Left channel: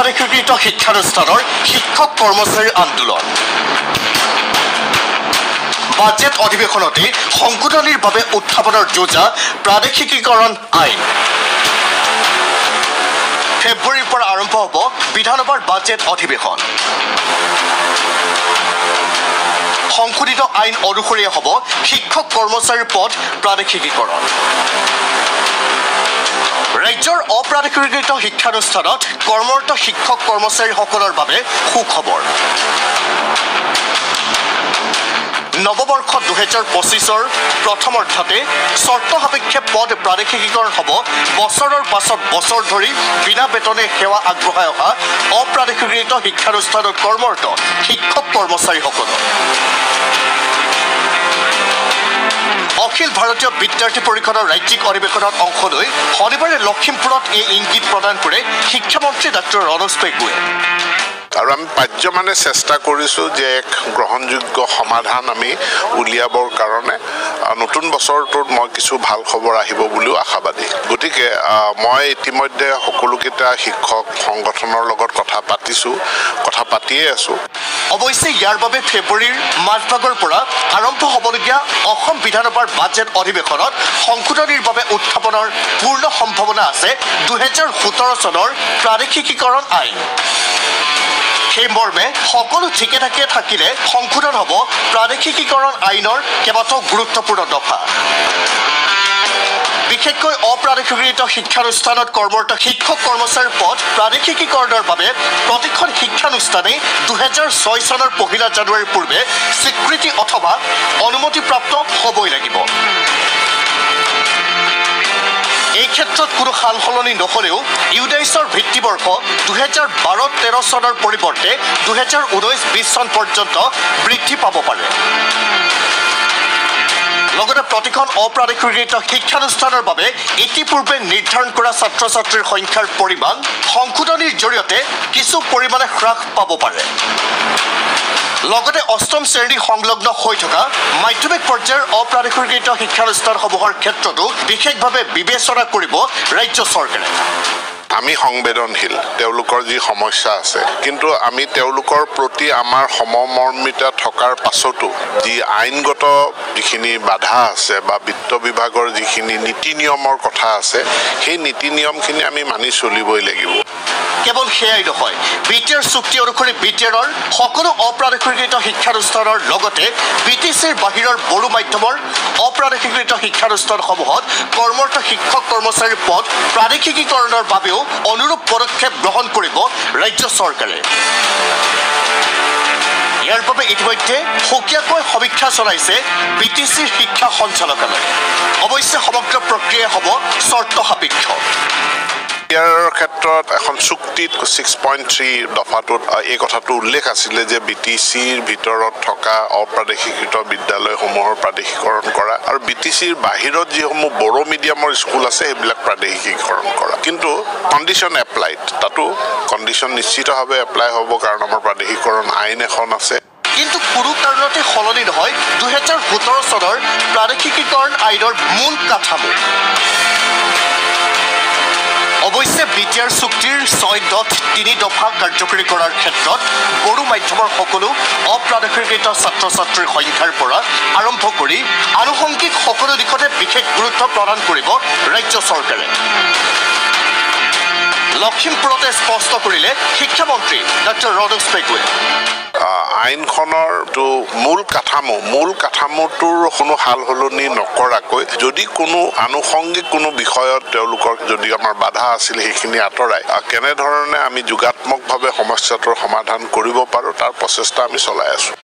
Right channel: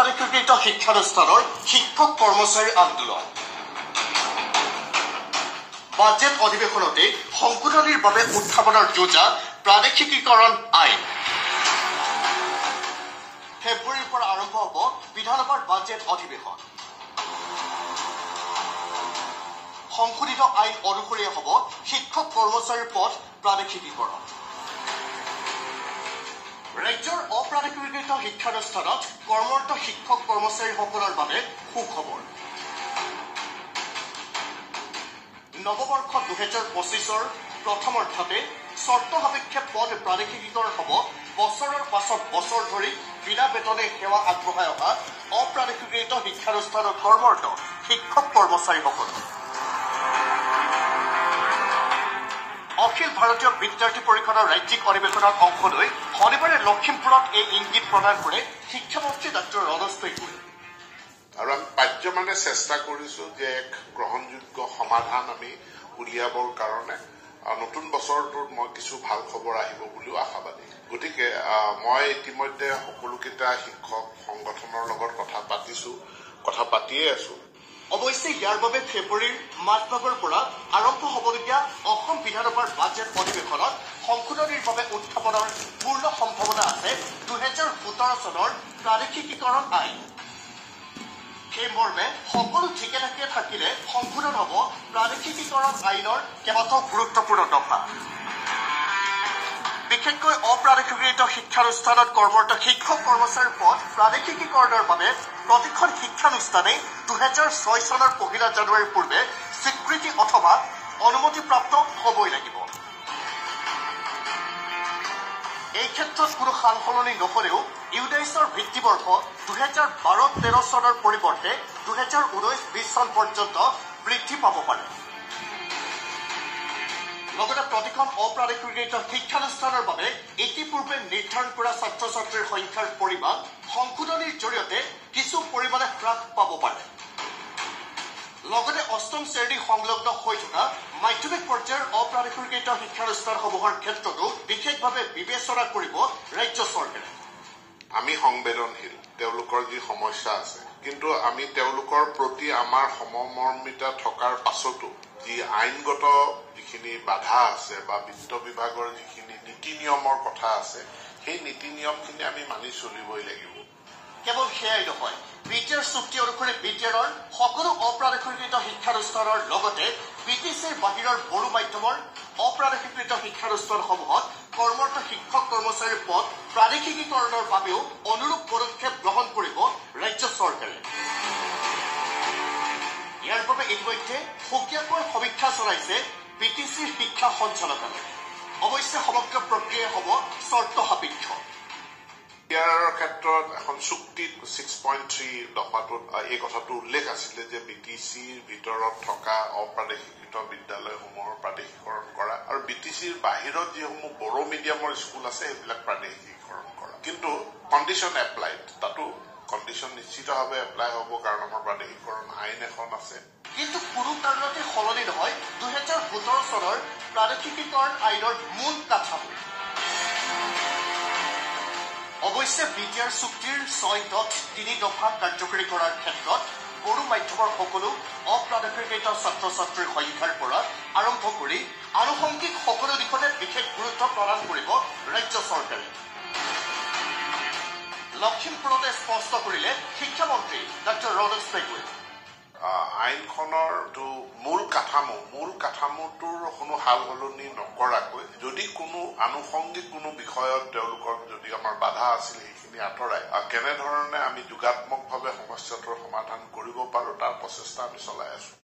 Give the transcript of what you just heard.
অপ্ৰাধিকৃত শিক্ষানুষ্ঠানৰ শিক্ষক কৰ্মচাৰী আন্দোলন বাজেট অধিৱেশনতে সংশোধনীৰ বাবে উত্থাপনৰ যোজা প্ৰাদেশিকীকৰণ আইন ফেব্ৰুৱাৰীৰ পৰা আৰম্ভ হ'ব বিধানসভাৰ বাজেট অধিৱেশন সংশোধিত আইন অনুসৰি হ'ব শিক্ষক কৰ্মচাৰীৰ পদ প্ৰাদেশিকীকৰণ ৰাজ্যৰ অপ্ৰাধিকৃত শিক্ষানুষ্ঠানত কৰ্মৰত শিক্ষক কৰ্মচাৰীসকলৰ বাবে সুখবৰ নৱবৰ্ষ 2025ৰ প্ৰথমাৰ্ধতে চৰ্ত সাপেক্ষে পদ প্ৰাদেশিকীকৰণ হ'ব বছৰৰ পাছত বছৰ ধৰি বিনা বেতনে সেৱা আগবঢ়াই অহা অপ্ৰাধিকৃত শিক্ষানুষ্ঠানত কৰ্মৰত শিক্ষক কৰ্মচাৰীসকলৰ অখিল ভাৰতীয় বিদ্যাৰ্থী পৰিষদৰ ৰাজ্যিক অধিৱেশনত অংশ লৈ শনিবাৰে লখিমপুৰত এই ইংগিত প্ৰদান কৰে শিক্ষামন্ত্ৰী ডক্টৰ ৰনোজ পেগুৱে আৰু আমি পাৰ্যমানে চেষ্টা কৰিছোঁ যে এক গ্ৰহণযোগ্য সমাধান আমি উলিয়াবৰ কাৰণে নতুন বছৰটোত মই কিছু ভাল খবৰ আহিব বুলিও আশাবাদী গতিকে মই ইতিমধ্যে সকলোকেইটা শিক্ষক সংগঠনৰ লগত কথা পাতিয়ে আছোঁ অৱশ্যে ইয়াৰ বাবে ফেব্ৰুৱাৰীৰ মাজভাগৰ পৰা আৰম্ভ হ'বলগীয়া অসম বিধানসভাৰ বাজেট অধিৱেশনত সংশোধনীৰ বাবে উত্থাপনৰ পূৰ্ণ সম্ভাৱনা আছে 2017 চনৰ প্ৰাদেশিকীকৰণ আইন সেই মৰ্মে সকলো ঠিকে ঠাকে থাকিলে সংশোধন হ'ব প্ৰাদেশিকীকৰণ আইনৰ কেইবাটাও গুৰুত্বপূৰ্ণ দফা বিশেষকৈ অপ্ৰাদেশিকৃত শিক্ষানুষ্ঠানত কৰ্মৰত শিক্ষক কৰ্মচাৰীৰ পদ প্ৰাদেশিকীকৰণৰ বাবে প্ৰতিখন শিক্ষানুষ্ঠানে 2006 চনৰ 1 জানুৱাৰীৰ পূৰ্বে স্বীকৃতি অথবা অনুমতিপ্ৰাপ্ত হ'বই লাগিব এই ক্ষেত্ৰত কোনো সাল সলনি নহলেও ইউডাইছৰ ভিত্তিবৰ্ষ 2012-13 চনৰ পৰিৱৰ্তে 2019-20 চন পৰ্যন্ত বৃদ্ধি পাব পাৰে লগতে প্ৰতিখন অপ্ৰাধিকৃত শিক্ষানুষ্ঠানৰ বাবে ইতিপূৰ্বে নিৰ্ধাৰণ কৰা ছাত্ৰ ছাত্ৰীৰ সংখ্যাৰ পৰিমাণ সংশোধনীৰ জৰিয়তে কিছু পৰিমাণে হ্ৰাস পাব পাৰে লগতে অষ্টম শ্ৰেণী সংলগ্ন হৈ থকা মাধ্যমিক পৰ্যায়ৰ অপ্ৰাধিকৃত শিক্ষানুষ্ঠানসমূহৰ ক্ষেত্ৰতো বিশেষভাৱে বিবেচনা কৰিব ৰাজ্য চৰকাৰে আমি সংবেদনশীল তেওঁলোকৰ যি সমস্যা আছে কিন্তু আমি তেওঁলোকৰ প্ৰতি আমাৰ সমমৰ্মিতা থকাৰ পাছতো যি আইনগত যিখিনি বাধা আছে বা বিত্ত বিভাগৰ যিখিনি নীতি নিয়মৰ কথা আছে সেই নীতি নিয়মখিনি আমি মানি চলিবই লাগিব কেৱল সেয়াই নহয় বিটিআৰ চুক্তি অনুসৰি বিটিআৰৰ সকলো অপ্ৰাধিকৃত শিক্ষানুষ্ঠানৰ লগতে বিটিচিৰ বাহিৰৰ বড়ো মাধ্যমৰ অপ্ৰাধিকৃত শিক্ষানুষ্ঠানসমূহত কৰ্মৰত শিক্ষক কৰ্মচাৰীৰ পদ প্ৰাদেশিকীকৰণৰ বাবেও অনুৰূপ পদক্ষেপ গ্ৰহণ কৰিব ৰাজ্য চৰকাৰে ইয়াৰ বাবে ইতিমধ্যে সুকীয়াকৈ সমীক্ষা চলাইছে বিটিচিৰ শিক্ষা সঞ্চালকালয় অৱশ্যে সমগ্ৰ প্ৰক্ৰিয়া হ'ব চৰ্ত সাপেক্ষ ইয়াৰ ক্ষেত্ৰত এখন চুক্তিত 6.3 দফাটোত এই কথাটো উল্লেখ আছিলে যে বিটিচিৰ ভিতৰত থকা অপ্ৰাদেশিকৃত বিদ্যালয়সমূহৰ প্ৰাদেশিকৰণ কৰা আৰু বিটিচিৰ বাহিৰত যিসমূহ বড়ো মিডিয়ামৰ স্কুল আছে সেইবিলাক প্ৰাদেশিকীকৰণ কৰা কিন্তু কণ্ডিশ্যন এপ্লাইড তাতো কণ্ডিশ্যন নিশ্চিতভাৱে এপ্লাই হ'ব কাৰণ আমাৰ প্ৰাদেশিকৰণ আইন এখন আছে কিন্তু কোনো কাৰণতে সলনি নহয় 2017 চনৰ প্ৰাদেশিকীকৰণ আইনৰ মূল কাঠামো অৱশ্যে বিটিআৰ চুক্তিৰ 6.3 দফা কাৰ্যকৰী কৰাৰ ক্ষেত্ৰত বড়ো মাধ্যমৰ সকলো অপ্ৰাদেশিকৃত ছাত্ৰ ছাত্ৰীৰ সংখ্যাৰ পৰা আৰম্ভ কৰি আনুষংগিক সকলো দিশতে বিশেষ গুৰুত্ব প্ৰদান কৰিব ৰাজ্য চৰকাৰে লখিমপুৰতে স্পষ্ট কৰিলে শিক্ষামন্ত্ৰী ডক্টৰ ৰনোজ পেগুৱে আইনখনৰ মূল কাঠামোটোৰ কোনো সাল সলনি নকৰাকৈ যদি কোনো আনুষংগিক কোনো বিষয়ত তেওঁলোকৰ যদি আমাৰ বাধা আছিল সেইখিনি আঁতৰাই কেনেধৰণে আমি যোগাত্মকভাৱে সমস্যাটোৰ সমাধান কৰিব পাৰোঁ তাৰ প্ৰচেষ্টা আমি চলাই আছোঁ